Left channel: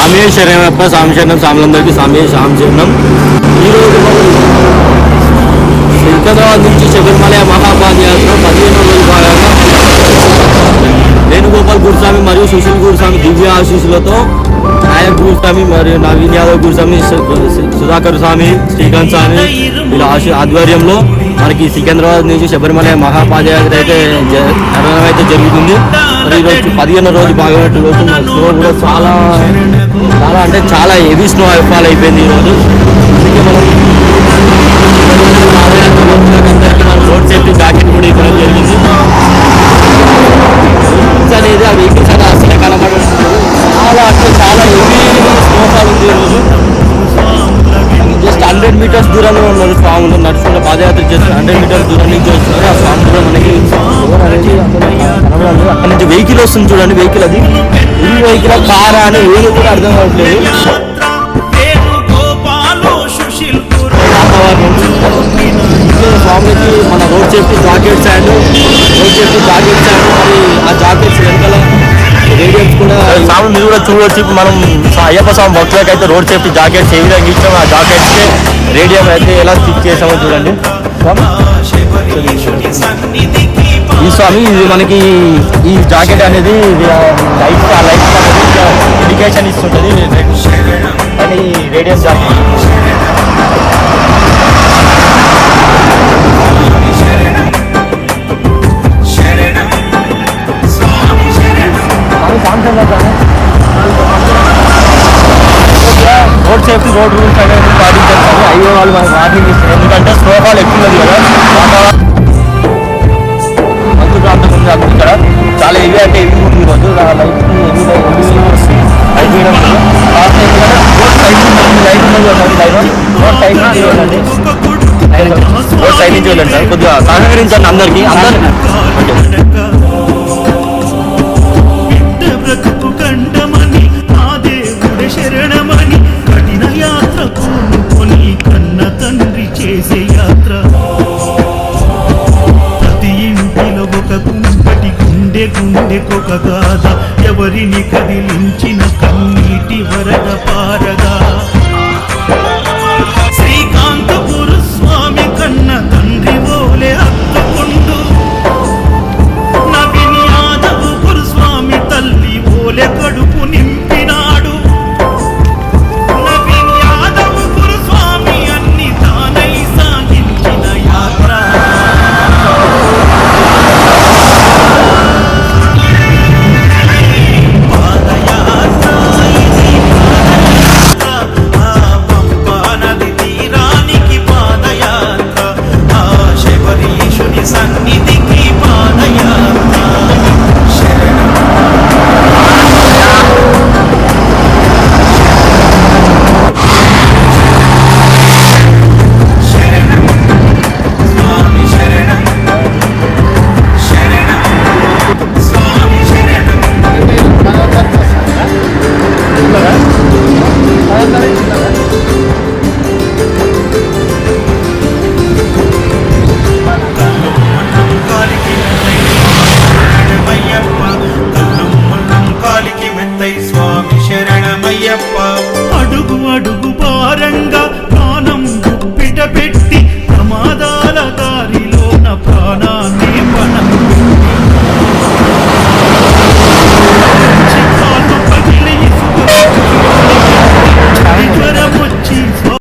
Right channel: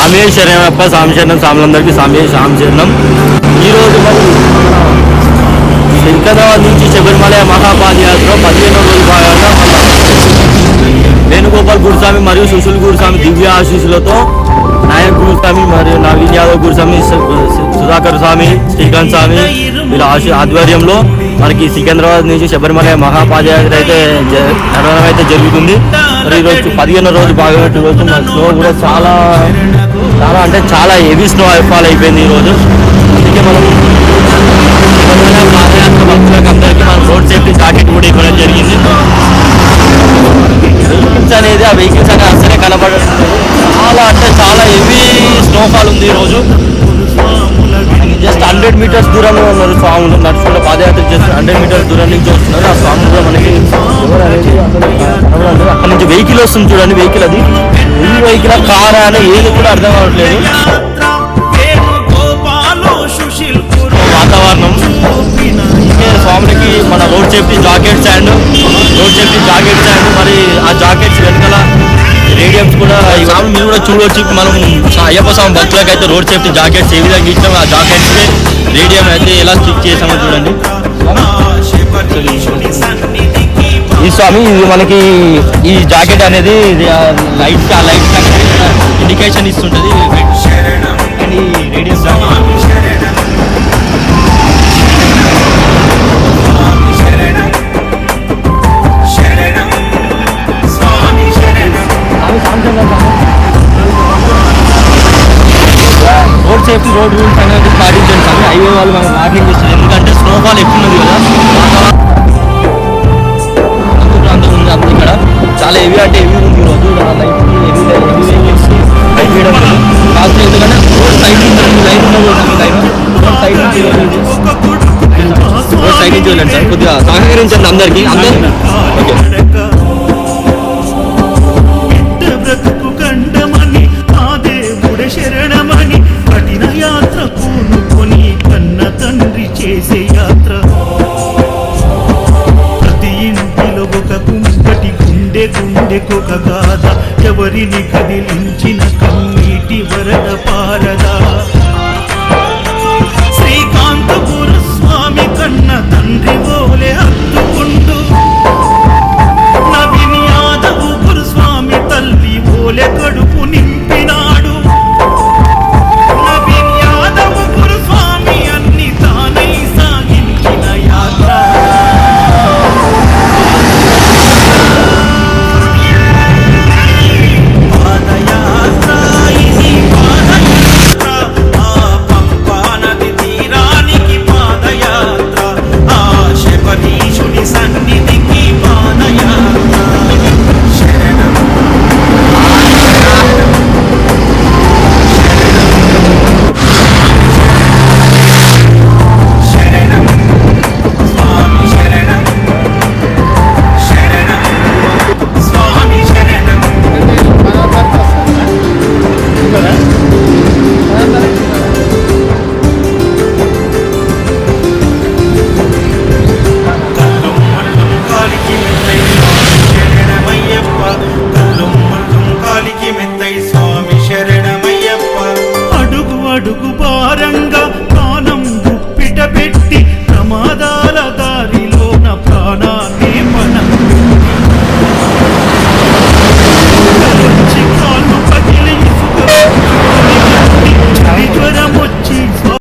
స్వామి శరణప్ప స్వామి శరణం స్వాములందరికీ స్వామి స్వామి శరణం. ఈరోజు మనం సికింద్రాబాద్ నుంచి శబరిమల మహాపాదయాత్ర పదిహేను రోజు భాగంగా వేణుగోపాల్ గురుస్వామి మరియు సుశీల్ గురుస్వామి దివ్య ఆశీస్సులతో నాయక్ గురుస్వామి మరియు నవీన్ యాదవ్ గురుస్వామి సుధాకర్ స్వామి శ్రీకాంత్ స్వామి వీళ్ళ ఆశీ ఆధ్వర్యంలో మనకి సికింద్రాబాద్ నుంచి శబరిమల మహాపాదయాత్ర అయితే జరగడం నిర్వహణ అయితే జరుగుతుంది మరి ఈరోజు పదిహేను రోజు భాగపెట్టు రోజు మన స్నో కూడా చాలా చాలా అంటే చాలా హెవీ స్నో ఫాల్ అయిపోయింది ఈరోజు. అందుకే మనం రోడ్ సేఫ్టీ జాకెట్ కూడా ఇవ్వడం జరిగింది. అనేది ఆ వెహికల్స్ అనేది అసలే కనబడట్లేదు చాలా అంటే చాలా హెవీ స్నోఫాల్ ఉంది ఈరోజు. జస్ట్ హండ్రెడ్ మీటర్స్ దూరంలో ఉన్నారు స్వాములు. నడుచుకుంటూ పాదయాత్ర చేస్తారు హండ్రెడ్ మీటర్స్ దూరం నుంచి వస్తున్నారు. ఆ స్వాములు మనకి ఎవరు అనేది అసలు కనబడలేదు. అక్కడ నుంచి వెహికల్ వస్తుంది చూడండి వెహికల్ అది. ఈ వెహికల్ కారా అని ఏది కూడా అర్థం కావట్లేదు. స్వామికి మన road safety jackets and road safety jackets and మరి ఆ జాకెట్స్ వెనకాల రేడియమ్స్ కూడా స్వామి మీరు కూడా చూడవచ్చు ఇప్పుడు మనం అయ్యప్ప స్వామి భక్తులకు అయితే రోడ్ సేఫ్టీ జాకెట్స్ ఏ విధంగా ఇచ్చాము ఆ జాకెట్స్కి రేడియం అయితే ఎలా స్టిక్ చేసామో చూడండి. స్వామి ఈ స్వామి ఇది మనకి ఈ జాకెట్ అనేది లైట్ ఆ లైట్ అనేది ఇండికేషన్ ఇస్తుంటది. అండ్ ఈ radium jacket. Road safety road rules అనేది పాటించాలి కానీ హైవే వాళ్ళు మనకి వార్నింగ్ ఇస్తారు. ఎందుకంటే స్నోఫాల్ ఎక్కువ ఉంది కదా. వెళ్ళండి ఒక కొడుకు లైన్ ఆ రోడ్ సైడ్ నుంచి వెళ్ళండి స్వామి కొద్దిగా సహకరించండి అందరికీ. అందరూ బ్రతుకు కండమని ఆ దేవుడ శరణమని కఠిన యాత్ర పూనుకొని కన్న తండ్రి చేసే యాత్ర. ప్రతి ఇంటిలో ఒక కుంపటి గుండె గుండెకొక గాథ. ఎవరిని కదిలించిన కన్నీటి వరద పారగా శ్రీకాంత గురుస్వామి కన్న తండ్రివో దారిలోన ప్రాణాన్ని పణం